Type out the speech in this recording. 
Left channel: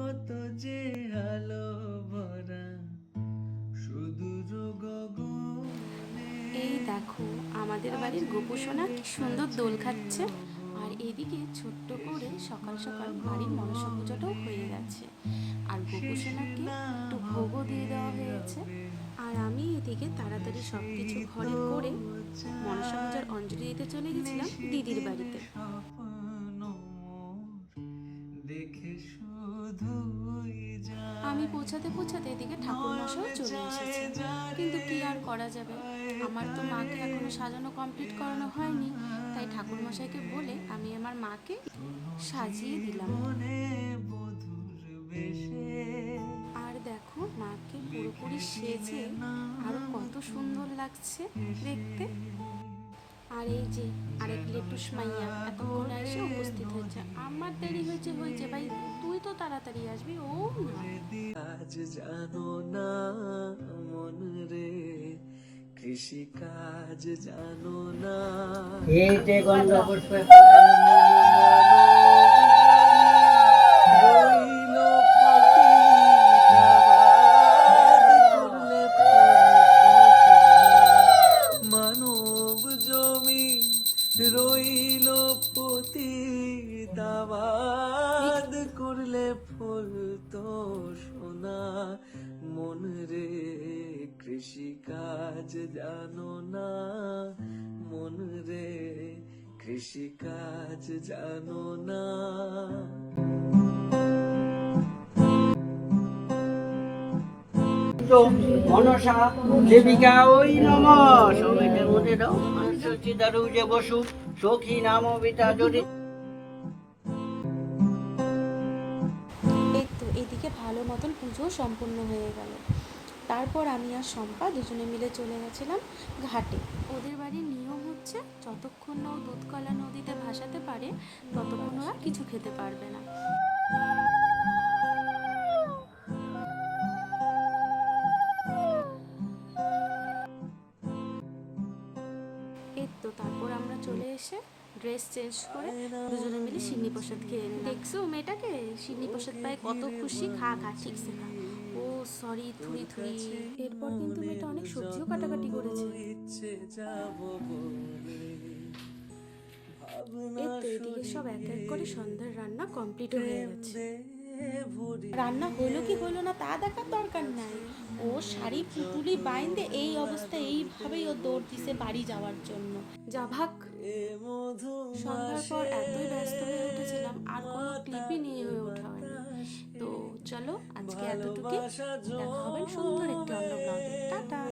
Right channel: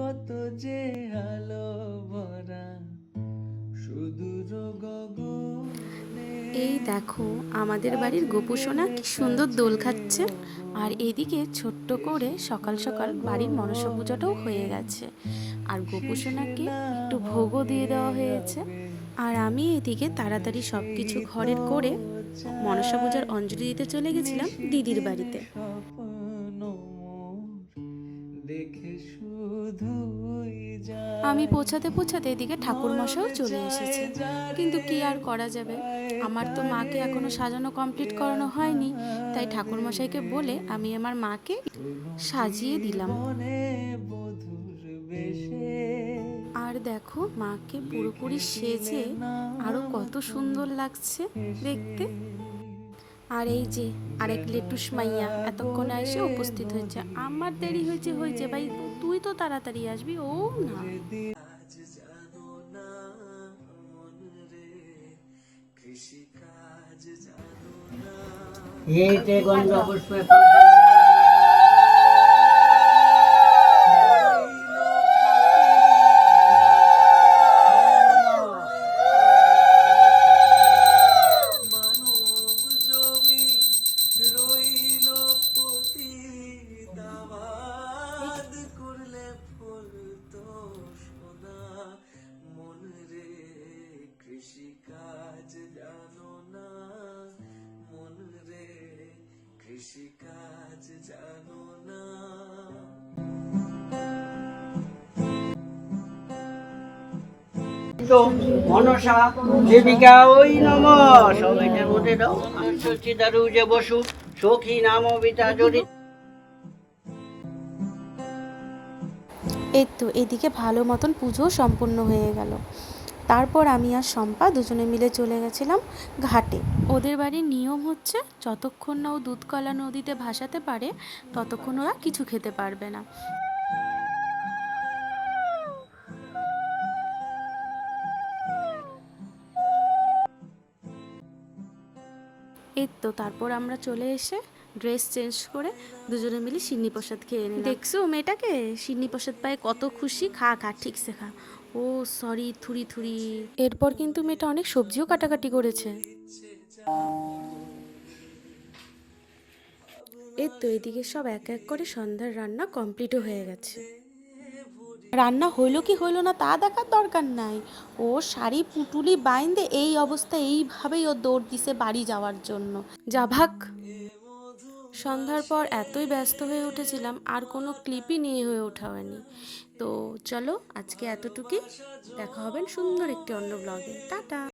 কত যে আলো ভরা সুদূর গগনে। এই দেখো আমাদের বাড়ির গোপু সোনা কি সুন্দর দোল খাচ্ছে। আর এদিকে ছোট্ট করে সকাল সকাল বাড়ির মনসা পূজাটাও হয়ে গেছে। আর গোপু সোনাকে একটু ভোগও দিয়ে দেওয়া হয়েছে। আর আমি এদিকে তাড়াতাড়ি সব কিছু ঘরের করে মনসা পূজার অঞ্জলি দিতে চলে গেছিলাম দিদির বাড়িতে। দেখে শুধুই আমি পৌঁছাতে পৌঁছাতে এদিকে ঠাকুরমশাও চলে এসেছে। কিন্তু কি আর করা যাবে, আমার তো মাকে এখনো সাজানো কমপ্লিট করানো হয়নি, তাই ঠাকুরমশাইকে বলে আমি আমার মাকে সাজিয়ে দিলাম। আর দেখো মাকে পুরোপুরি সেজে আরো কত সুন্দর লাগছে দেখতে। আর এই যে আরেক লেটুস মাইয়া এতক্ষণে এসে উপস্থিত হয়েছে। আমার দেরি হয়েছে ভাই, তুই তো তাড়াতাড়ি আসবি। ও না, আজ জানো না মন রে, কৃষি কাজ জানো না। এইতে গন্ধ পুষ্পে মানব জমি রইল পতিত, আবাদ করলে ফুল তো সোনা। মন রে কৃষি কাজ জানো না, মন রে কৃষি কাজ জানো না। মনসা দেবিকা ওই নম। সবাইটার মধ্যে দাও আমি সচ্ছি দারু যে বসু সখী নাম বিতা জড়িত। এই তো এদিকে ভালো মতন পুজো সম্পূর্ণ হয়ে গেল। তারপর আমি আর শম্পা দুজনে মিলে চলে গেছিলাম ঘাটে। ওদের বাড়ির নিয়ম হচ্ছে যতক্ষণ না ও দুধকলা নদীতে ভাসাতে পারে ততক্ষণ ওরা কিছু খেতে পারবে না। এই তো তারপর আমরা চলে এসে ড্রেস চেঞ্জ করে দুজনে মিলে সিন্নি প্রসাদ খেয়ে নিলাম। দেখছো মেয়েটাকে, সিন্নি প্রসাদ পায় কত খুশি। খা খা ঠিকসে খা। ও সরি, থুরি থুরি। এরপর কিন্তু মেয়েটা অনেক সবজিও কাটাকাটি করেছে। এই তো এদিকে সব এক এক করে সন্ধ্যার রান্না কমপ্লিটও হয়ে গেছে। রান্না হইলো কি হইলো না তা দেখার দরকার নাই। ও শাড়ি পুটুলি বাইন্দে এই অবস্থা, এইভাবেই ও দৌড় দিছে বাড়ি যাওয়ার জন্য। যা ভাগ। সন্ধ্যার পর এতই ব্যস্ত হয়ে উঠেছিলাম আর কোনো ক্লিপই নিয়ে হয়ে ওঠা হয়নি। তো চলো আজকে এতটুকুই, দেখা হবে সুন্দর একটি অন্য ব্লগে। টাটা।